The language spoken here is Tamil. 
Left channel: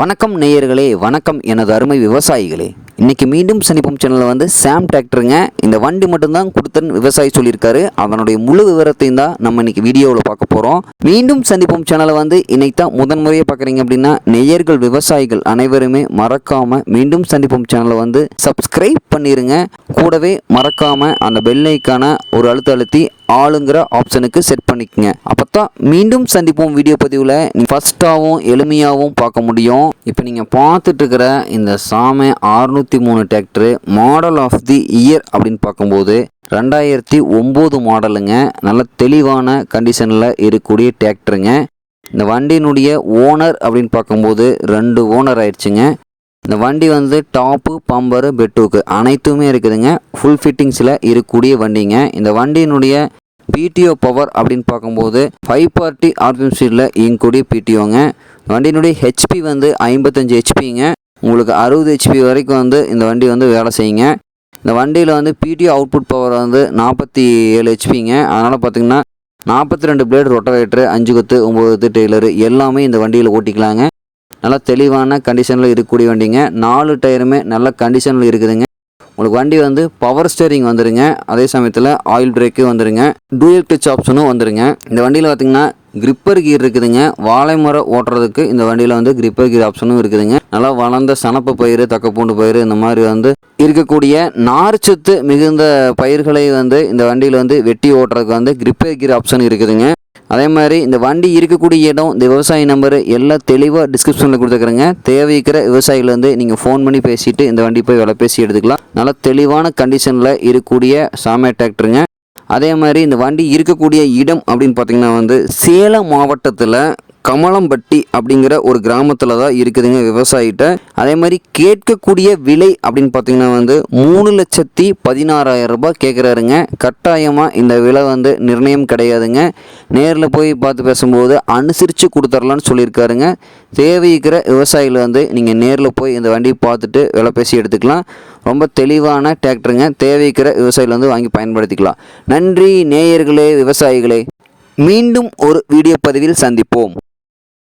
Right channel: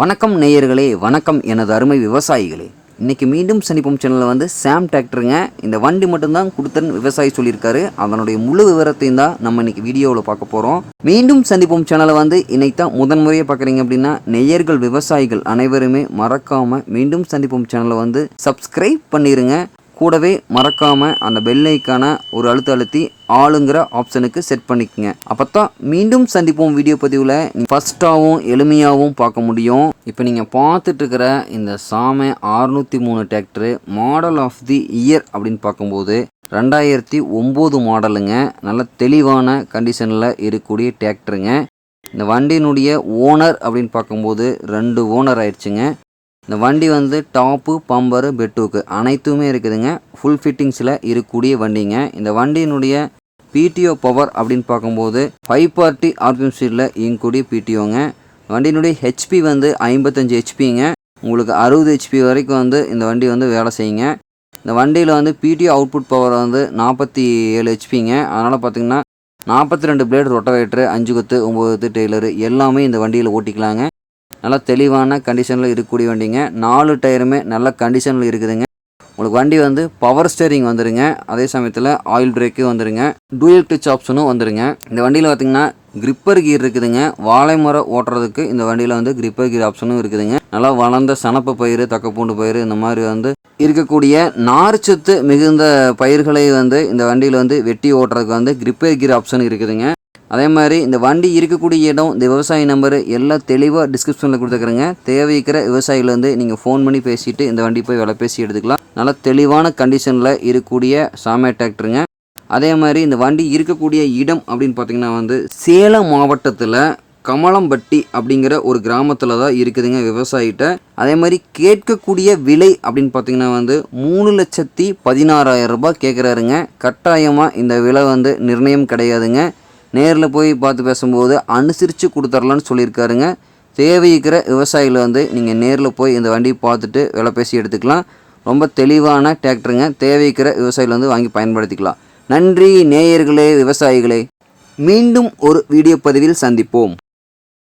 வணக்கம் நேயர்களே, வணக்கம் எனது அருமை விவசாயிகளே. இன்றைக்கி மீண்டும் சந்திப்போம் சேனலில் வந்து சாம் டிராக்டருங்க. இந்த வண்டி மட்டும்தான் கொடுத்தன்னு விவசாயி சொல்லியிருக்காரு. அதனுடைய முழு விவரத்தையும் தான் நம்ம இன்றைக்கி வீடியோவில் பார்க்க போகிறோம். மீண்டும் சந்திப்போம் சேனலை வந்து இன்னைக்கு தான் முதன்முறையாக பார்க்குறீங்க அப்படின்னா நேயர்கள் விவசாயிகள் அனைவருமே மறக்காமல் மீண்டும் சந்திப்போம் சேனலை வந்து சப்ஸ்கிரைப் பண்ணிடுங்க. கூடவே மறக்காமல் அந்த பெல் ஐக்கான ஒரு அழுத்தி ஆளுங்கிற ஆப்ஷனுக்கு செட் பண்ணிக்கங்க. அப்போத்தான் மீண்டும் சந்திப்போம் வீடியோ பதிவில் நீங்கள் ஃபஸ்ட்டாகவும் எளிமையாகவும் பார்க்க முடியும். இப்போ நீங்கள் பார்த்துட்டு இருக்கிற இந்த சாமை 603 tractor model of the year அப்படின்னு பார்க்கும்போது 2009 மாடலுங்க. நல்ல தெளிவான கண்டிஷனில் இருக்கக்கூடிய டிராக்டருங்க. இந்த வண்டியினுடைய ஓனர் அப்படின்னு பார்க்கும்போது 2 ஓனர் ஆயிடுச்சுங்க. இந்த வண்டி வந்து டாப்பு, பம்பரு, பெட்டுக்கு அனைத்துமே இருக்குதுங்க. ஃபுல் ஃபிட்டிங்ஸில் இருக்கக்கூடிய வண்டிங்க. இந்த வண்டியினுடைய பிடிஓ பவர் அப்படின்னு பார்க்கும்போது 540 ஆர்பிஎம் ஸ்பீடில் இயங்கக்கூடிய பிடிஓங்க. வண்டியினுடைய ஹெச்பி வந்து 55 ஹெச்பிங்க. உங்களுக்கு 60 ஹெச்பி வரைக்கும் வந்து இந்த வண்டி வந்து வேலை செய்யுங்க. இந்த வண்டியில் வந்து பிடிஓ அவுட்புட் பவர் வந்து 47 ஹெச்பிங்க. அதனால் பார்த்திங்கன்னா 42 பிளேடு ரொட்டவேட்ரு, 5 கொத்து, 9 கொத்து டெய்லரு எல்லாமே இந்த வண்டியில் ஓட்டிக்கலாங்க. நல்லா தெளிவான கண்டிஷனில் இருக்கக்கூடிய வண்டிங்க. 4 டயருமே நல்ல கண்டிஷனில் இருக்குதுங்க. உங்களுக்கு வண்டி வந்து பவர் ஸ்டேரிங் வந்துடுங்க. அதே சமயத்தில் ஆயில் பிரேக்கு வந்துடுங்க. டூயல் கிளட்ச் ஆப்ஷனும் வந்துடுங்க. இந்த வண்டியில் பார்த்திங்கன்னா கிரிப்பர் கீர் இருக்குதுங்க. வாழை மரம் ஓட்டுறதுக்கு இந்த வண்டியில் வந்து கிரிப்பர் கீர் ஆப்ஷனும் இருக்குதுங்க. நல்லா வளர்ந்த சனப்பு பயிர், தக்கப்பூண்டு பயிர் இந்த மாதிரி வந்து இருக்கக்கூடிய நார்ச்சத்து மிகுந்த பயிர்களை வந்து இந்த வண்டியில் வந்து வெட்டி ஓட்டுறதுக்கு வந்து கிரிப்பர் கீர் ஆப்ஷன் இருக்குதுங்க. அதே மாதிரி இந்த வண்டி இருக்கக்கூடிய இடம், இந்த விவசாயி நம்பரு எல்லாம் தெளிவாக டிஸ்கிரிப்ஷனில் கொடுத்துக்கிறேங்க. தேவைக்கிற விவசாயிகள் வந்து நீங்கள் ஃபோன் பண்ணி பேசிவிட்டு இந்த வண்டி போய் விலை பேசி எடுத்துக்கலாம். நல்லா தெளிவான கண்டிஷனில் இருக்கக்கூடிய சாமை டிராக்டருங்க. அதே மாதிரி இந்த வண்டி இருக்கக்கூடிய இடம் அப்படின்னு பார்த்திங்கன்னா வந்து சேலம் மாவட்டத்தில் கமலம்பட்டி அப்படிங்கிற ஒரு கிராமத்தில் தான் இருக்குதுங்க விவசாயிகிட்ட. அதே மாதிரி கேட்கக்கூடிய விலை அப்படின்னு பார்த்தீங்கன்னா வந்து 3,16,000 ரூபாய் கேட்குறாருங்க. கட்டாயமாக இந்த விலை வந்து நிர்ணயம் கிடையாதுங்க. நேரில் போய் பார்த்து பேசும்போது அனுசரித்து கொடுத்துர்லான்னு சொல்லியிருக்காருங்க. தேவைக்கிற விவசாயிகள் வந்து நீங்கள் நேரில் போய் இந்த வண்டியை பார்த்துட்டு விலை பேசி எடுத்துக்கலாம். ரொம்ப தெளிவான டிராக்டருங்க. தேவைக்கிற விவசாயிகள் வந்து வாங்கி பயன்படுத்திக்கலாம். நன்றி நேயர்களே, விவசாயிகளே. மீண்டும் ஒரு வீடியோ பதிவில் சந்திப்போம்.